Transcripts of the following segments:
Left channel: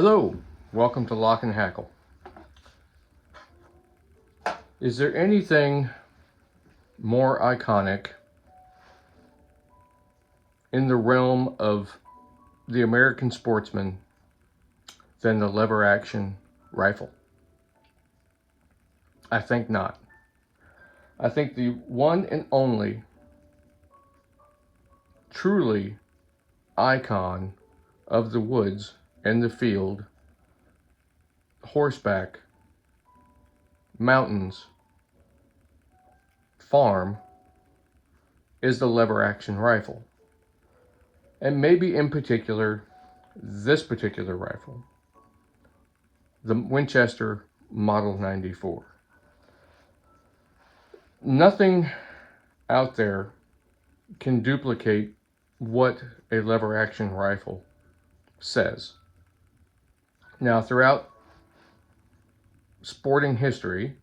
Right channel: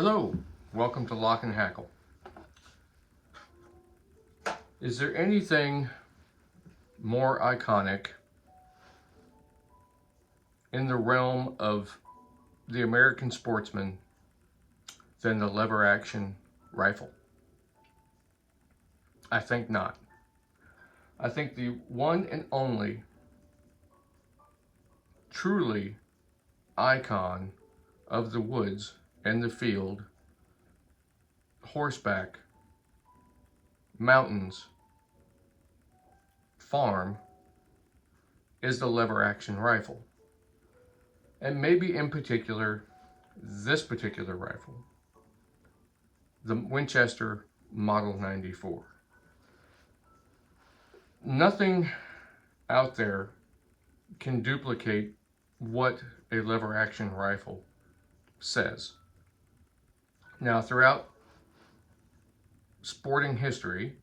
Hello, welcome to Lock and Hackle. Is there anything more iconic in the realm of the American sportsman than the lever action rifle? I think not. I think the one and only truly icon of the woods and the field, horseback, mountains, farm, is the lever action rifle. And maybe in particular, this particular rifle, the Winchester Model 94. Nothing out there can duplicate what a lever action rifle says. Now, throughout sporting history,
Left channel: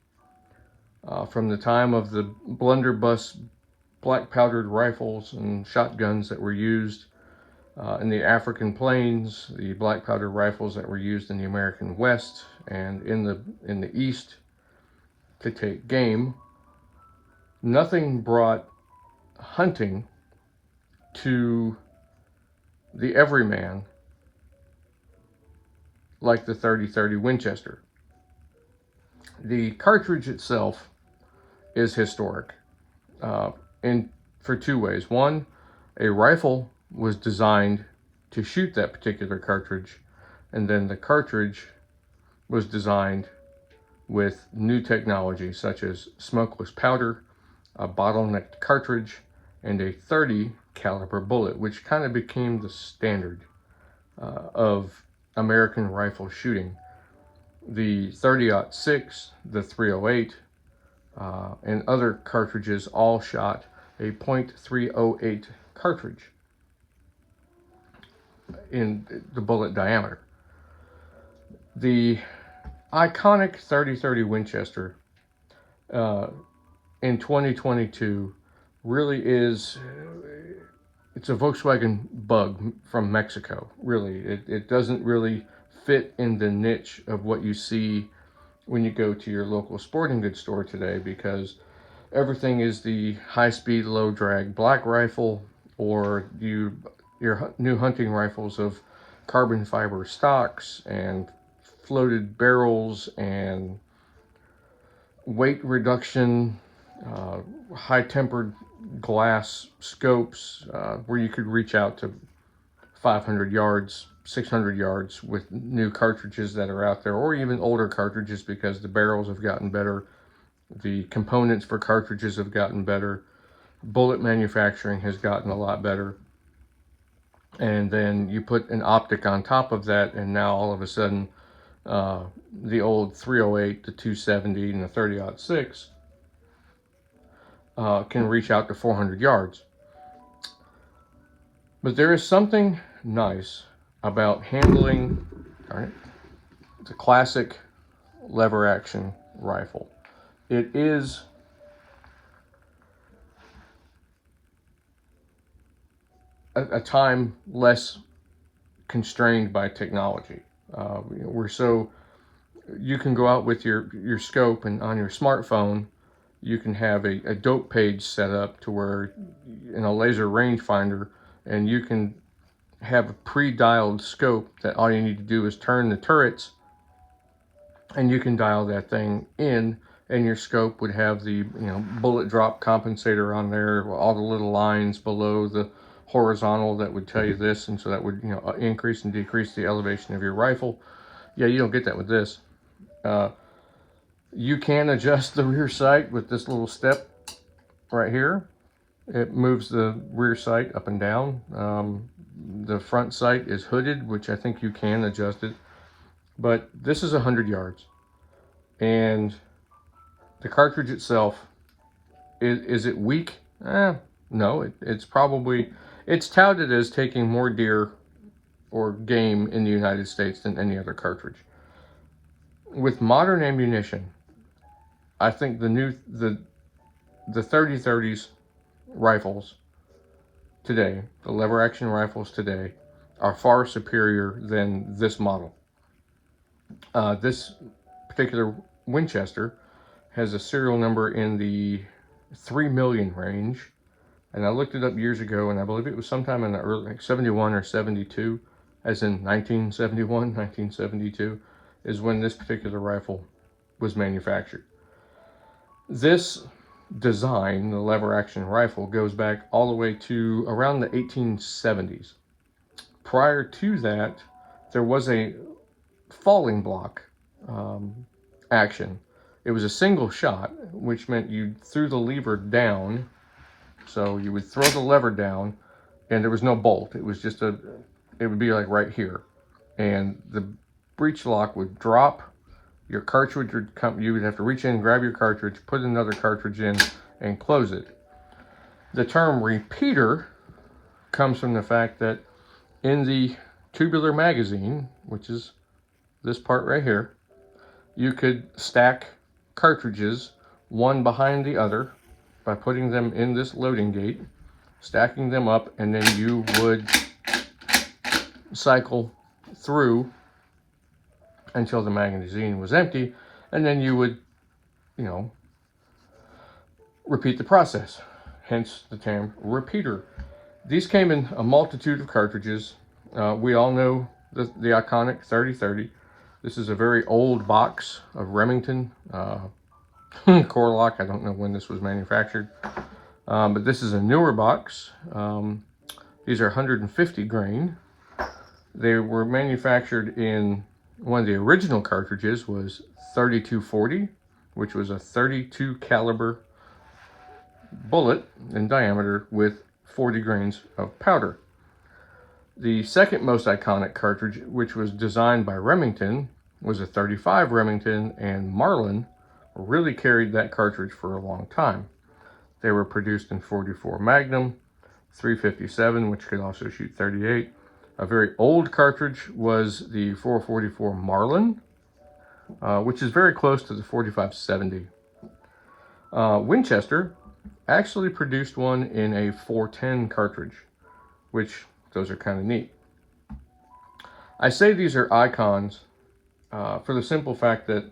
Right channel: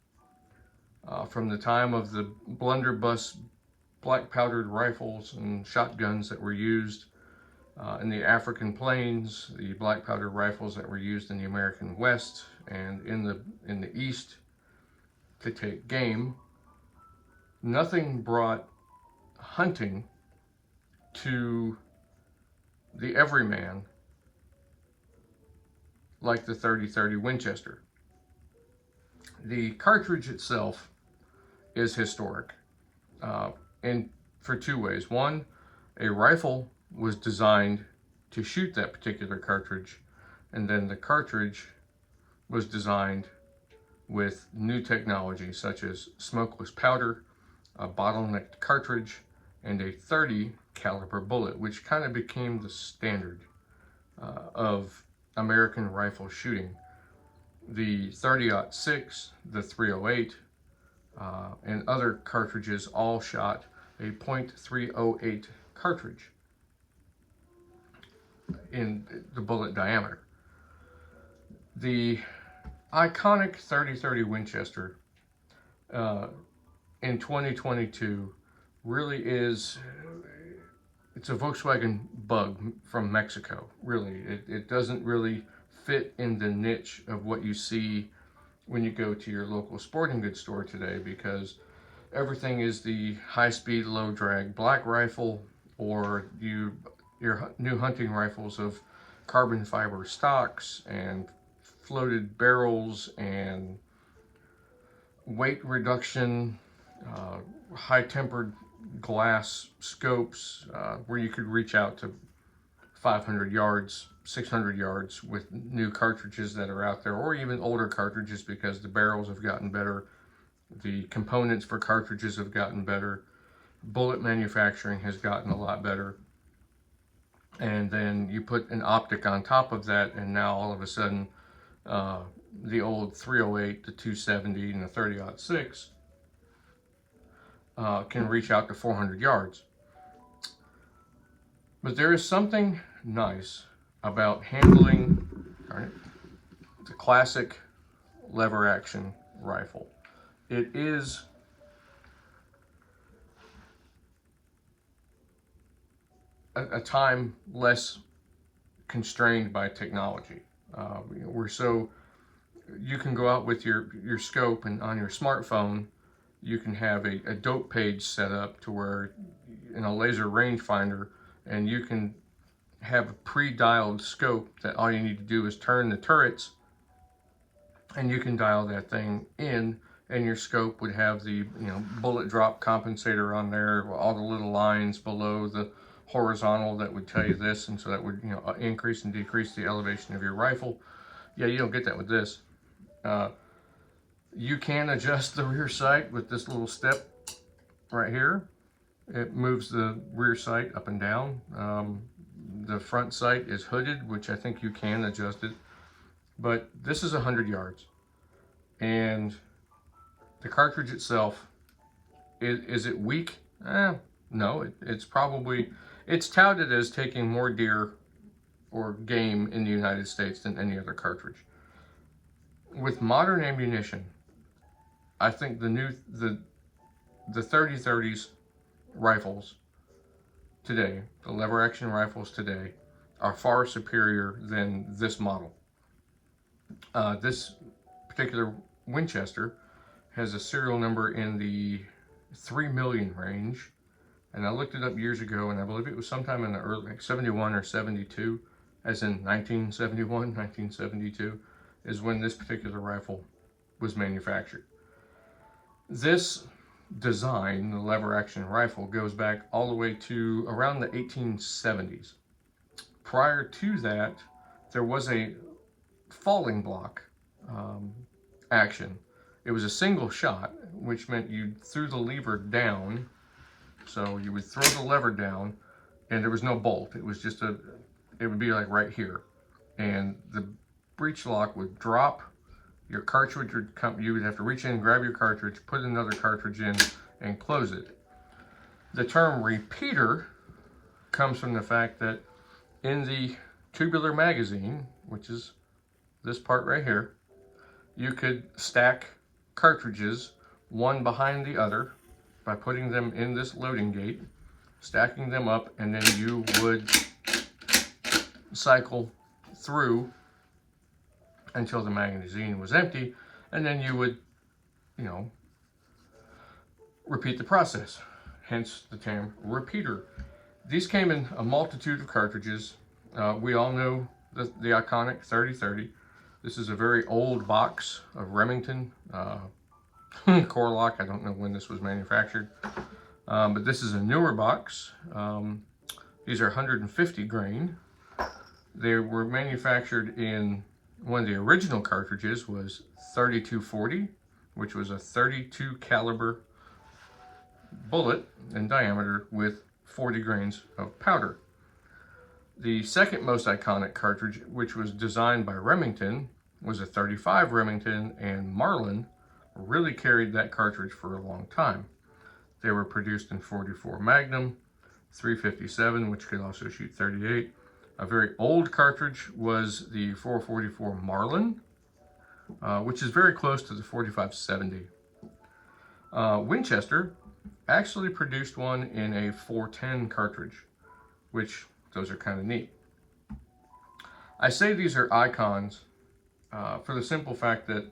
from the time of the blunderbuss black powdered rifles and shotguns that were used in the African plains, the black powder rifles that were used in the American West and in the East to take game, nothing brought hunting to the everyman like the 30-30 Winchester. The cartridge itself is historic for two ways. One, a rifle was designed to shoot that particular cartridge, and then the cartridge was designed with new technology such as smokeless powder, a bottlenecked cartridge, and a 30 caliber bullet, which kind of became the standard of American rifle shooting. The 30-06, the 308, and other cartridges all shot a .308 cartridge in the bullet diameter. The iconic 30-30 Winchester in 2022 really is, it's a Volkswagen Bug from Mexico, really. It doesn't really fit in the niche of what you see when you go to your local sporting goods store today, because everything is the high-speed, low-drag black rifle, or your new hunting rifles of carbon fiber stocks and floated barrels and weight reduction, high-tempered glass scopes where you could reach out to 500 yards, 600 yards with new cartridges that are out there, or even older cartridges, because the barrels have gotten better, the components for cartridges have gotten better, bullet manufacturing has gotten a lot better, and then you put an optic on top of that, and now all of a sudden the old 308, the 270, and the 30-06 can reach out to 400 yards. But there is something nice about handling, all right, the classic lever action rifle. It is a time less constrained by technology. You can go out with your scope, and on your smartphone you can have a dope page set up to where in a laser rangefinder, and you can have a pre-dialed scope that all you need to do is turn the turrets, and you can dial that thing in, and your scope would have the bullet drop compensator on there, all the little lines below the horizontal that would tell you this, and so that would increase and decrease the elevation of your rifle. Yeah, you don't get that with this. You can adjust the rear sight with this little step right here. It moves the rear sight up and down. The front sight is hooded, which I think you can adjust it. But this is 100 yards. And the cartridge itself, is it weak? No, it's touted as taking more deer or game in the United States than any other cartridge. With modern ammunition, I think the 30-30s rifles today, the lever action rifles today, are far superior than this model. This particular Winchester has a serial number in the 3 million range. And I looked it up years ago, and I believe it was sometime in the early, like 71 or 72, as in 1971, 1972, is when this particular rifle was manufactured. This design, the lever action rifle, goes back all the way to around the 1870s. Prior to that, there was a falling block um, action. It was a single shot, which meant you threw the lever down. So you would throw the lever down, and there was no bolt. It was just it would be like right here. And the breech lock would drop. Your cartridge would come, you would have to reach in, grab your cartridge, put another cartridge in, and close it. The term repeater comes from the fact that in the tubular magazine, which is this part right here, you could stack cartridges one behind the other by putting them in this loading gate, stacking them up, and then you would cycle through until the magazine was empty, and then you would, you know, repeat the process. Hence the term repeater. These came in a multitude of cartridges. We all know the iconic 3030. This is a very old box of Remington Core-Lokt. I don't know when this was manufactured, but this is a newer box. These are 150 grain. They were manufactured in, one of the original cartridges was 3240, which was a 32 caliber bullet in diameter with 40 grains of powder. The second most iconic cartridge, which was designed by Remington, was a 35 Remington, and Marlin really carried that cartridge for a long time. They were produced in 44 Magnum, 357, which could also shoot 38. A very old cartridge was the 444 Marlin, which is very close to the 4570. Winchester actually produced one in a 410 cartridge, which those are kind of neat. I say these are icons for the simple fact that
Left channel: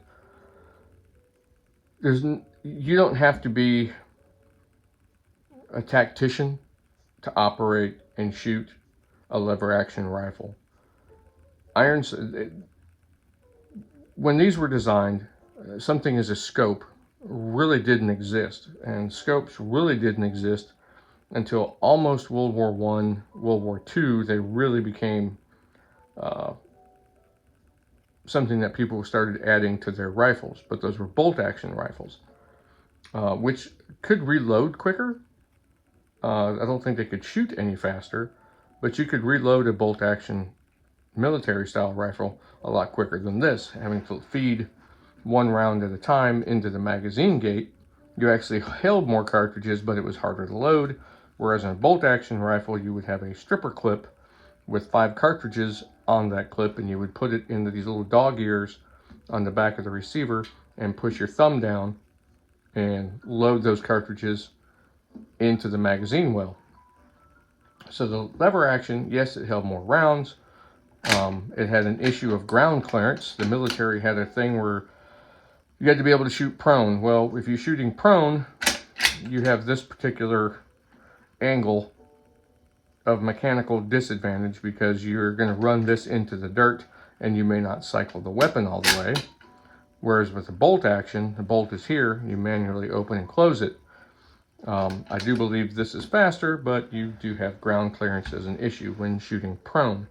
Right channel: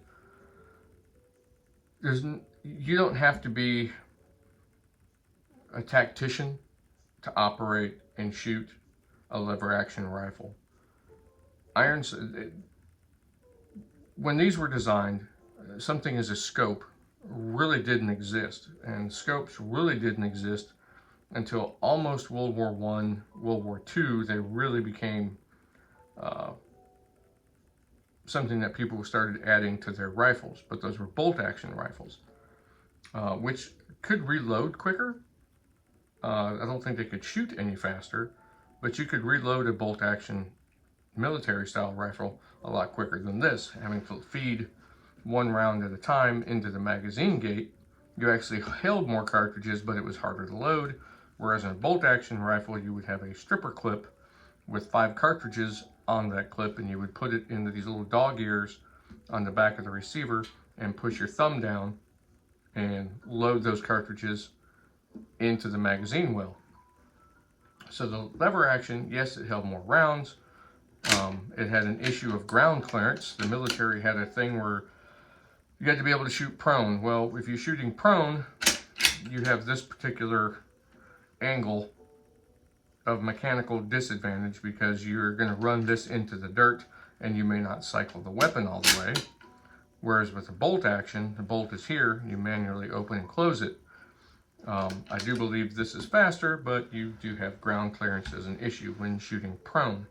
you don't have to be a tactician to operate and shoot a lever action rifle. When these were designed, something as a scope really didn't exist, and scopes really didn't exist until almost World War I, World War II. They really became something that people started adding to their rifles, but those were bolt action rifles, which could reload quicker. I don't think they could shoot any faster, but you could reload a bolt action military style rifle a lot quicker than this, having to feed one round at a time into the magazine gate. You actually held more cartridges, but it was harder to load, whereas in a bolt action rifle you would have a stripper clip with 5 cartridges on that clip, and you would put it into these little dog ears on the back of the receiver and push your thumb down and load those cartridges into the magazine well. So the lever action, yes, it held more rounds. It had an issue of ground clearance. The military had a thing where you had to be able to shoot prone. Well, if you're shooting prone, you have this particular angle of mechanical disadvantage because you're going to run this into the dirt and you may not cycle the weapon all the way. Whereas with the bolt action, the bolt is here, you manually open and close it. I do believe this is faster, but you do have ground clearance as an issue when shooting prone.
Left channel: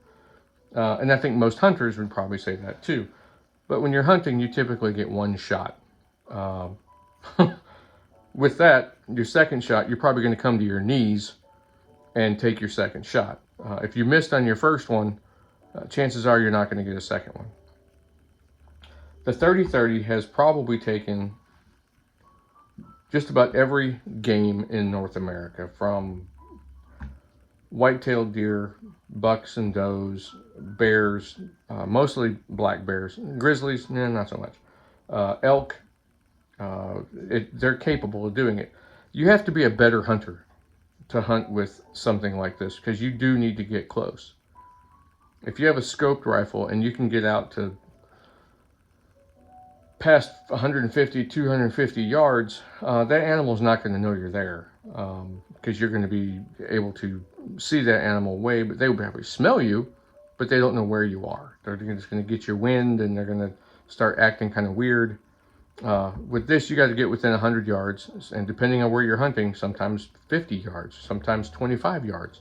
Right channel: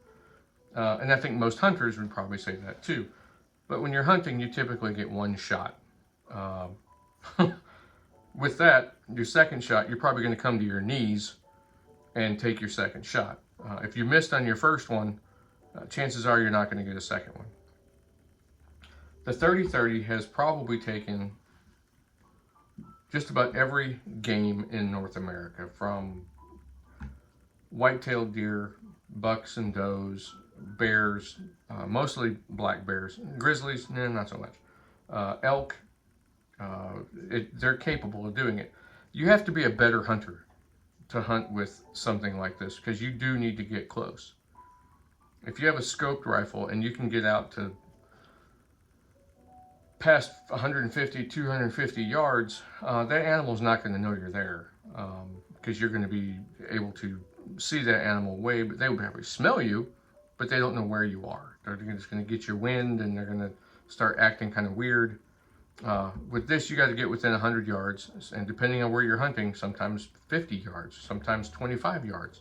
And I think most hunters would probably say that too. But when you're hunting, you typically get one shot. With that, your second shot, you're probably going to come to your knees and take your second shot. If you missed on your first one, chances are you're not going to get a second one. The 30-30 has probably taken just about every game in North America, from white-tailed deer, bucks and does, bears, mostly black bears, grizzlies, nah, not so much, elk. They're capable of doing it. You have to be a better hunter to hunt with something like this, because you do need to get close. If you have a scoped rifle and you can get out to past 150, 250 yards, that animal's not going to know you're there, because you're going to be able to see that animal way, but they will probably smell you, but they don't know where you are. They're just going to get your wind, and they're going to start acting kind of weird. With this, you got to get within 100 yards, and depending on where you're hunting, sometimes 50 yards, sometimes 25 yards.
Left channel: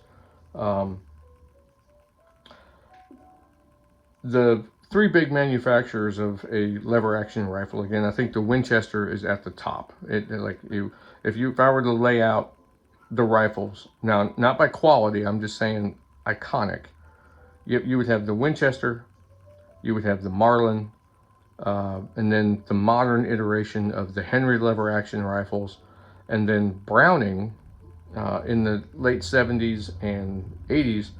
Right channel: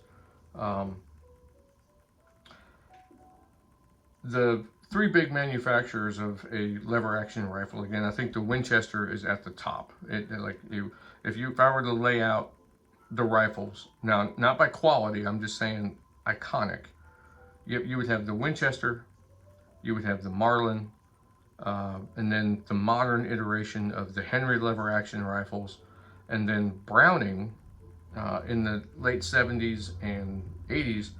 The three big manufacturers of a lever action rifle, again, I think the Winchester is at the top. If I were to lay out the rifles, now not by quality, I'm just saying iconic, you would have the Winchester, you would have the Marlin, and then the modern iteration of the Henry lever action rifles, and then Browning in the late 70s and 80s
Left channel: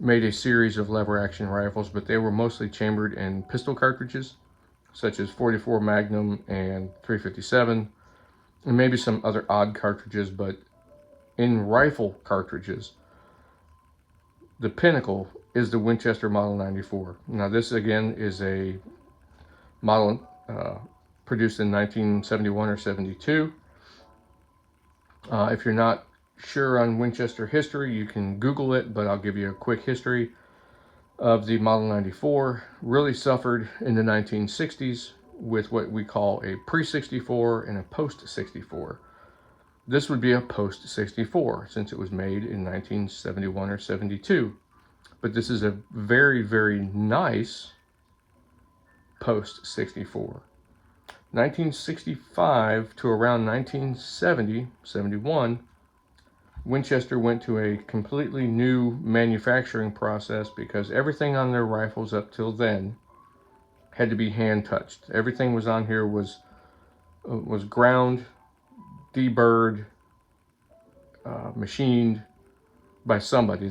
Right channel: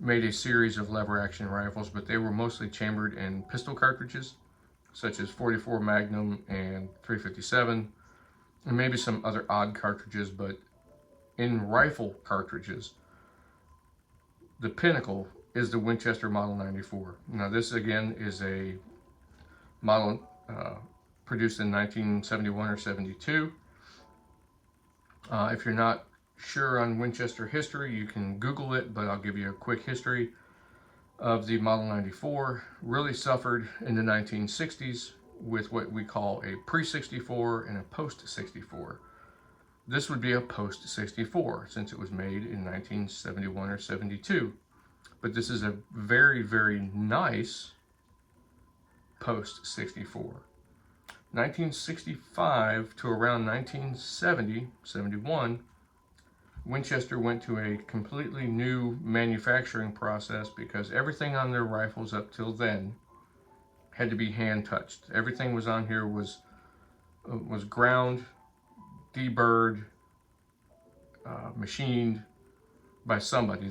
made a series of lever action rifles, but they were mostly chambered in pistol cartridges, such as 44 Magnum and 357, and maybe some other odd cartridges. But in rifle cartridges, the pinnacle is the Winchester Model 94. Now this again is a model produced in 1971 or 72. If you're not sure on Winchester history, you can Google it, but I'll give you a quick history of the Model 94. Really suffered in the 1960s with what we call a pre-64 and a post-64. This would be a post-64 since it was made in 1971 or 72. But this is a very, very nice post-64. 1965 to around 1970, 71, Winchester went to a completely new manufacturing process because everything on their rifles up till then had to be hand touched. Everything was on here was ground, deburred, machined by somebody.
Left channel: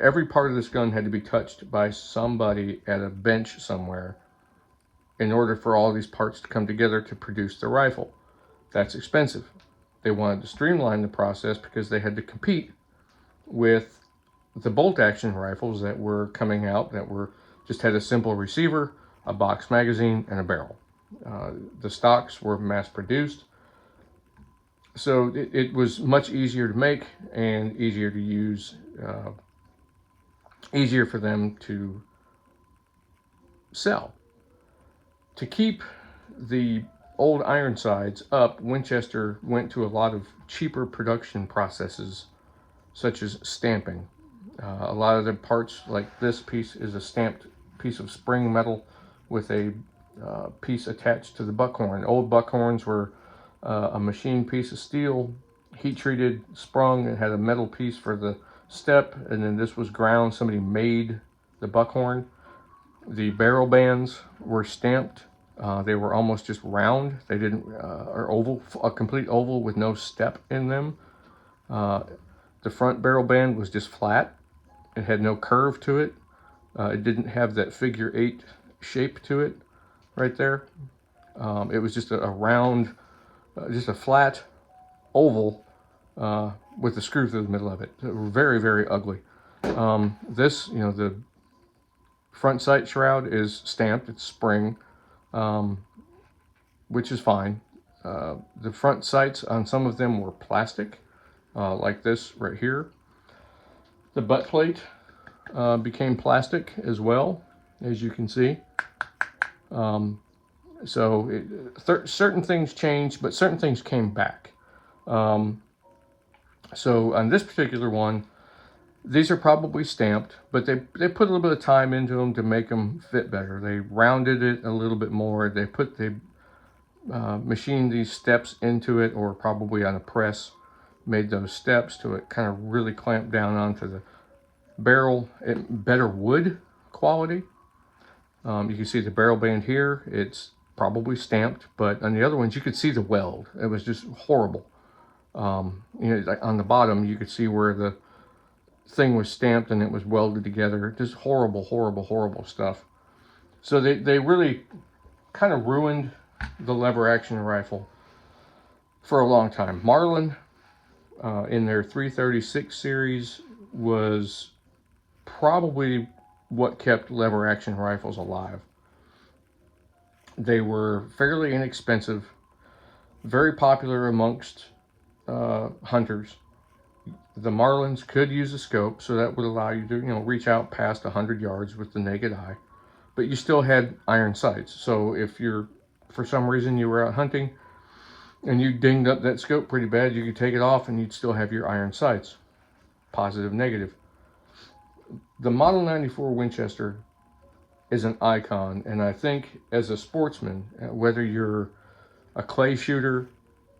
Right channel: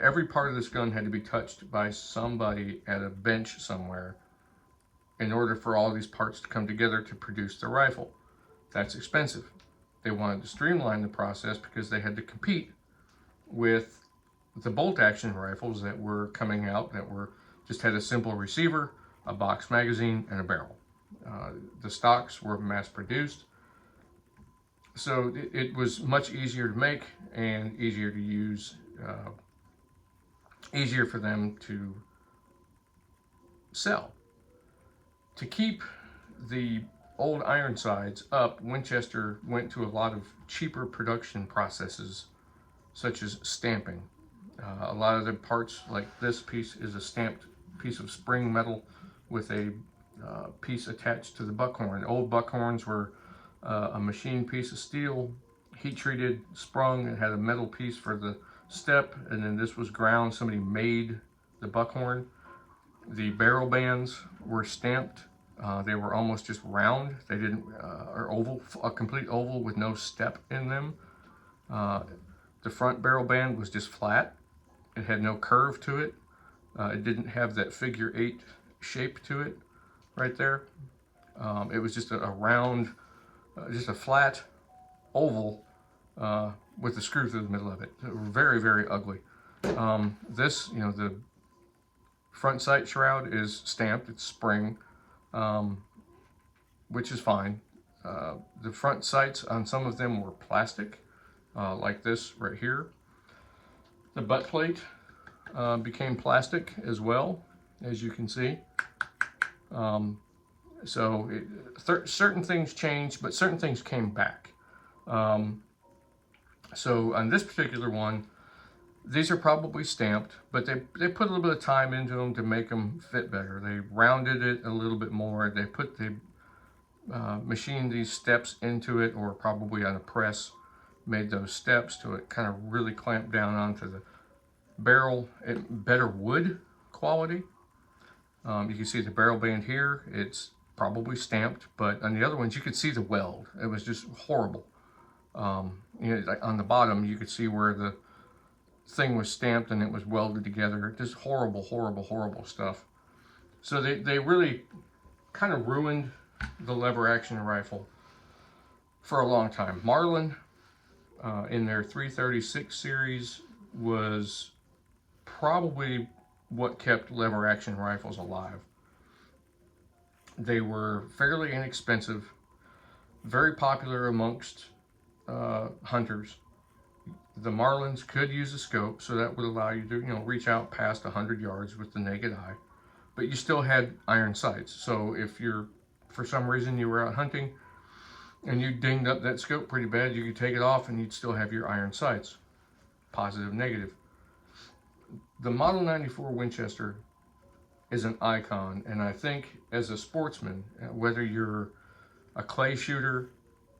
Every part of this gun had to be touched by somebody at a bench somewhere in order for all these parts to come together to produce the rifle. That's expensive. They wanted to streamline the process because they had to compete with the bolt action rifles that were coming out that just had a simple receiver, a box magazine, and a barrel. The stocks were mass produced, so it was much easier to make and easier to use, easier for them to sell. To keep the old Ironsides up, Winchester went to a lot of cheaper production processes, such as stamping. A lot of the parts, like this piece, is a stamped piece of spring metal with a piece attached to the buckhorn. Old buckhorns were a machined piece of steel, heat treated, sprung, and had a metal piece for the step, and then this was ground. Somebody made the buckhorn. The barrel bands were stamped. They were almost just round. They didn't, or oval, a complete oval with no step in them. The front barrel band was just flat. It had no curve to it. It didn't have that figure 8 shape to it right there. It was just a round, just a flat oval with a screw through the middle of it. Very, very ugly. This, the front sight shroud is stamped. It's spring, which is fine. The front sights on some of them were plastic, like this right here. The butt plate became plastic as well, as you can see. So certain things changed, but certain things came back. So on this particular one, these are probably stamped, but they put a little bit of time into them to make them fit better. They rounded it a little bit more. They machined these steps into it, or probably on a press, made those steps to it kind of really clamp down onto the barrel. Better wood quality. You can see the barrel band here. It's probably stamped, but on the other ones you could see the weld. It was just horrible. Like on the bottom you could see where the thing was stamped and it was welded together. Just horrible, horrible, horrible stuff. So they really kind of ruined the lever action rifle for a long time. Marlin in their 336 series was probably what kept lever action rifles alive. They were fairly inexpensive, very popular amongst hunters. The Marlins could use a scope, so that would allow you to, reach out past 100 yards with the naked eye. But you still had iron sights. So if for some reason you were out hunting and you dinged up that scope pretty bad, you could take it off and you'd still have your iron sights, positive, negative. The Model 94 Winchester is an icon, and I think as a sportsman, whether you're a clay shooter,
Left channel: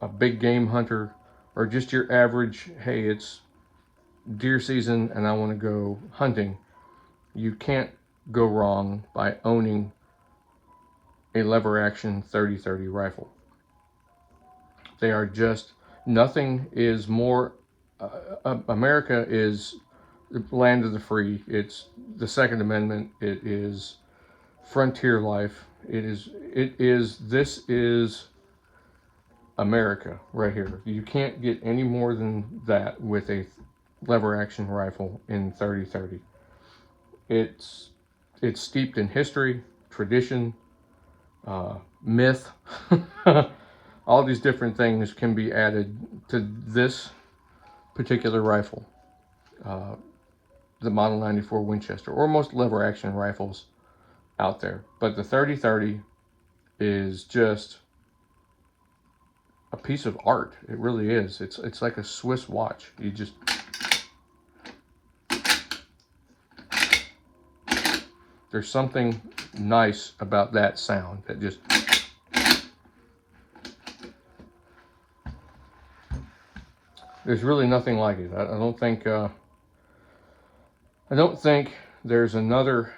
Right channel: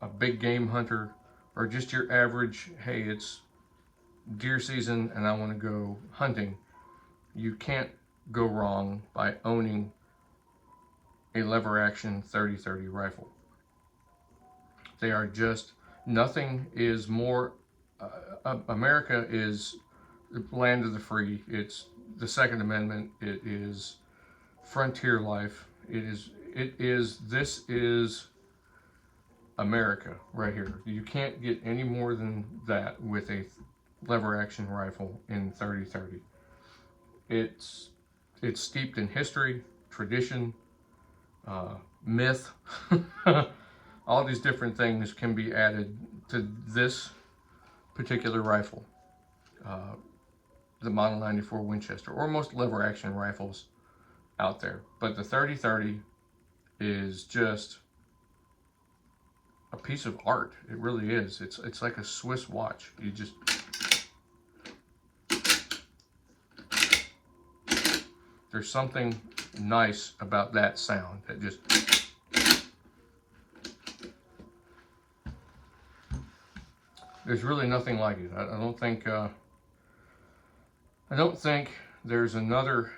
a big game hunter, or just your average, hey, it's deer season and I want to go hunting, you can't go wrong by owning a lever action 30-30 rifle. They are just, nothing is more, America is the land of the free. It's the Second Amendment. It is frontier life. This is America right here. You can't get any more than that with a lever action rifle in 30-30. It's steeped in history, tradition, myth. All these different things can be added to this particular rifle, the Model 94 Winchester, or most lever action rifles out there. But the 30-30 is just a piece of art. It really is. It's like a Swiss watch. You just, there's something nice about that sound that just, there's really nothing like it. I don't think there's another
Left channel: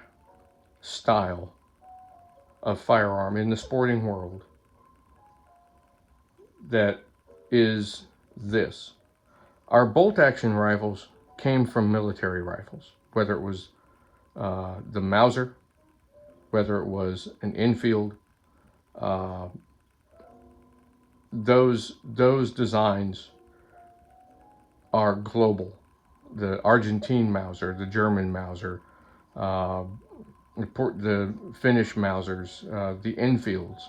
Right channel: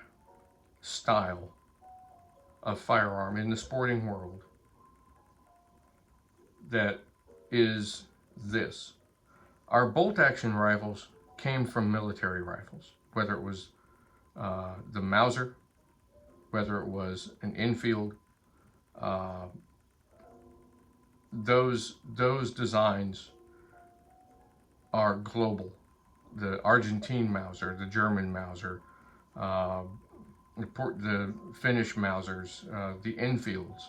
style of firearm in the sporting world that is this. Our bolt action rifles came from military rifles, whether it was the Mauser, whether it was an Enfield. Those designs are global. The Argentine Mauser, the German Mauser, the Finnish Mausers, the Enfields,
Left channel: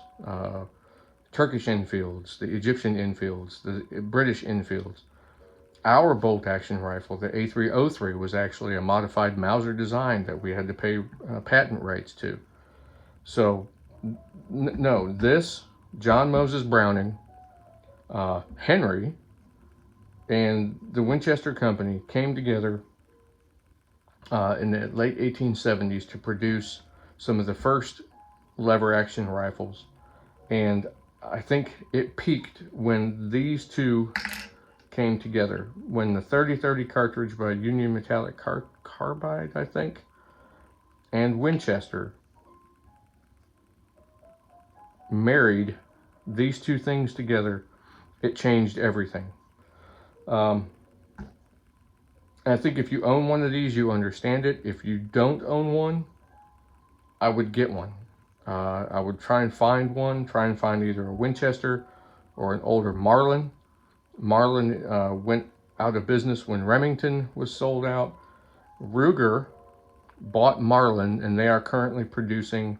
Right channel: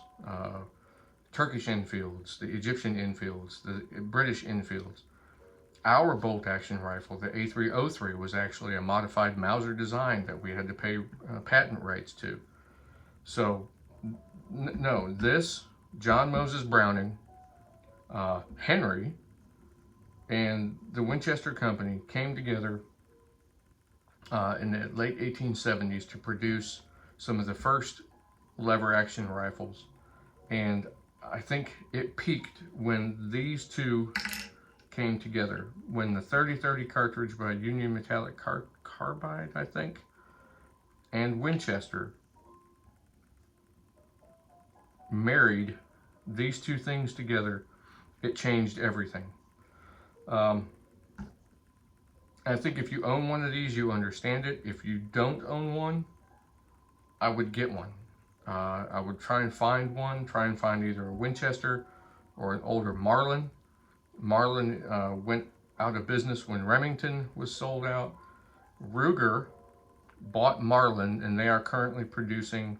Turkish Enfields, the Egyptian Enfields, the British Enfields. Our bolt action rifle, the A303, was actually a modified Mauser design that we had to pay patent rights to. So, no, this, John Moses Browning, Henry, and the Winchester Company came together in the late 1870s to produce some of the first lever action rifles. And I think it peaked when these two came together, when the 30-30 cartridge by Union Metallic Carbide, I think, and Winchester married these two things together. It changed everything. I think if you own one of these, you understand it. If you don't own one, I would get one. I would try and find one, either a Winchester or an older Marlin. Marlin went out of business when Remington was sold out. Ruger bought Marlin, and they are currently producing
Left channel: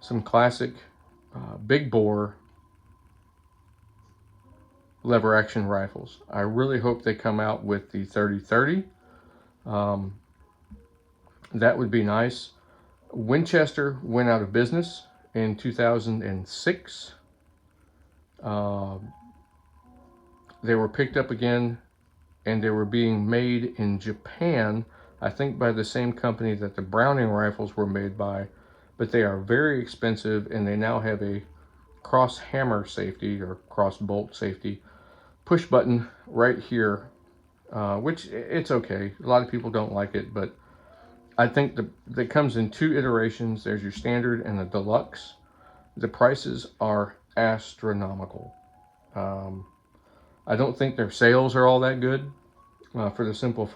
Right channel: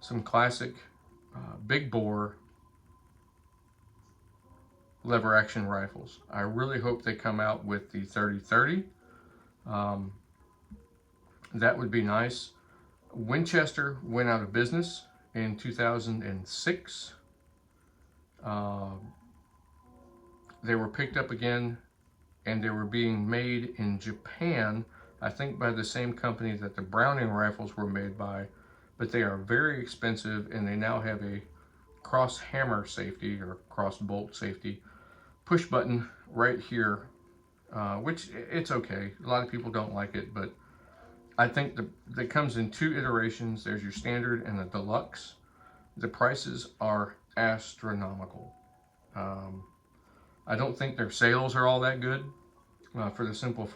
some classic big bore lever action rifles. I really hope they come out with the 30-30. That would be nice. Winchester went out of business in 2006. They were picked up again, and they were being made in Japan, I think by the same company that the Browning rifles were made by, but they are very expensive, and they now have a cross hammer safety or cross bolt safety push button right here, which it's okay. A lot of people don't like it, but I think that comes in two iterations. There's your standard and the deluxe. The prices are astronomical. I don't think their sales are all that good, for the simple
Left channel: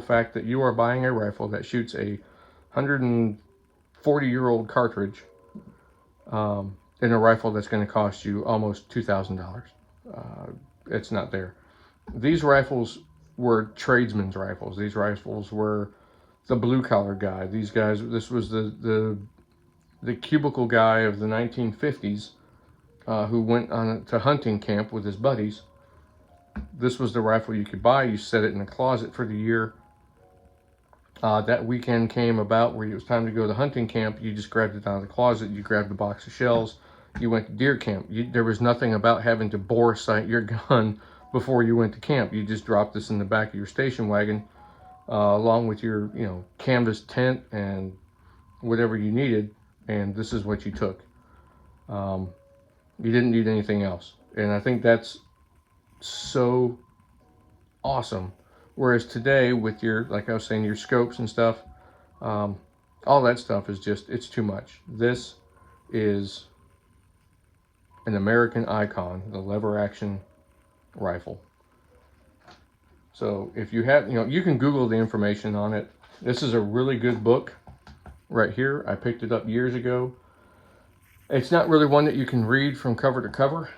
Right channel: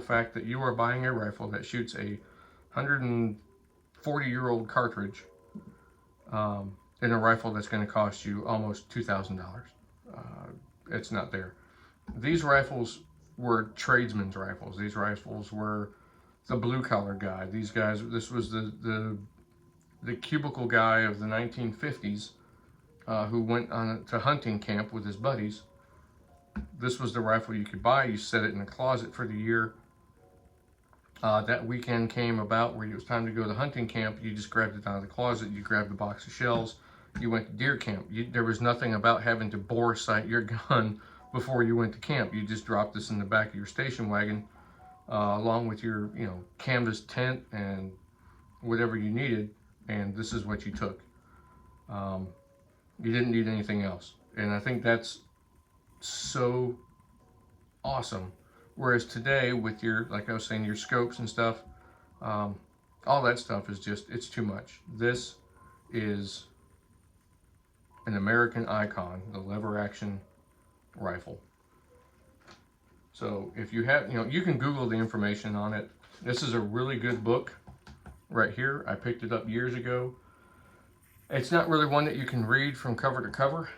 fact that you are buying a rifle that shoots a 140-year-old cartridge in a rifle that's going to cost you almost $2,000. It's not there. These rifles were tradesmen's rifles. These rifles were the blue collar guy. These guys, this was the the cubicle guy of the 1950s who went on to hunting camp with his buddies. This was the rifle you could buy. You set it in a closet for the year. That weekend came about where it was time to go to hunting camp. You just grabbed it out of the closet. You grabbed a box of shells. You went to deer camp. There was nothing about having to bore sight your gun before you went to camp. You just dropped this in the back of your station wagon, along with your, canvas tent and whatever you needed, and this is what you took. You didn't need anything else, and I think that's so awesome. Whereas today, with your, like I was saying, your scopes and stuff, all that stuff is just, it's too much. This is an American icon, the lever action rifle. So if you have, you can Google the information on it. This is a really good book right here. I picked it up years ago. It's not really one that you can read from cover to cover.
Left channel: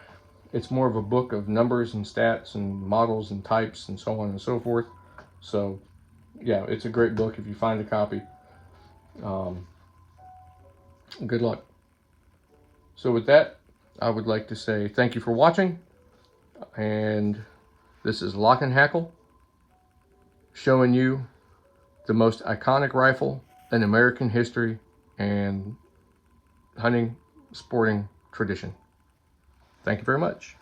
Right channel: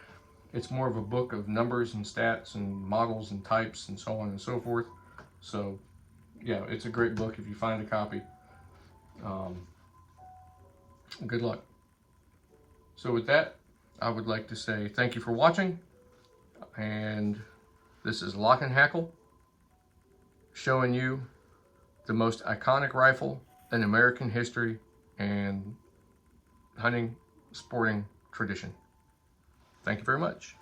It's more of a book of numbers and stats and models and types and so on and so forth. So yeah, it's a great book if you find a copy. Good luck. So with that, I would like to say thank you for watching. And this is Lock&Hackle, showing you the most iconic rifle in American history and hunting, sporting tradition. Thank you very much.